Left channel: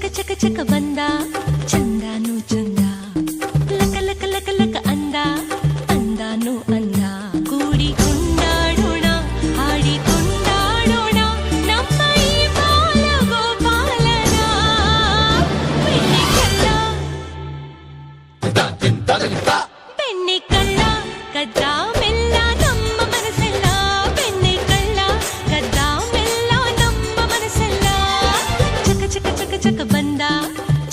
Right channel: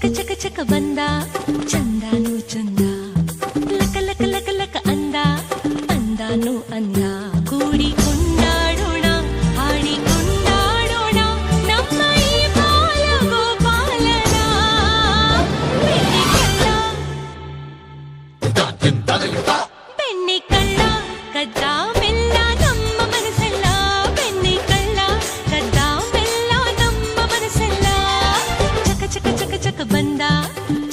ಚಕ ಚಕ ಚಕ ಬಂದ ಚಂದಾನು ಚಂದ ಲಕ ಲಕ ಲಕ ಲಕ ಅಂದ ಅಂದಾನು ಅಂದ ಕೂಡಿ ಕೊಂಡಾಡೋಣ ಹಾಡಿ ಕೊಂಡಾಡೋಣ ನಮ್ಮ ಈ ಬಾಲ ಗೋಪಾಲನ ಬೆಣ್ಣೆ ಕಳ್ಳ ಬೆಣ್ಣೆ ಕಳ್ಳ ಕದ್ದ ಮೆಲ್ಲ ನಮ್ಮ ಮನಸ್ಸೆಲ್ಲ ಬೆಣ್ಣೆ ಕಳ್ಳ ಕದ್ದ ಮೆಲ್ಲ ನಮ್ಮ ಮನಸ್ಸೆಲ್ಲ ಚಕ ಚಕ ಚಕ ಚಕ ಬಂದ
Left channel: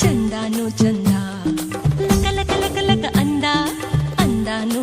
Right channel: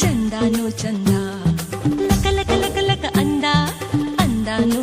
ಚಂದಾನು ಚಂದ ಲಕ ಲಕ ಲಕ ಲಕ ಅಂದ ಅಂದಾನು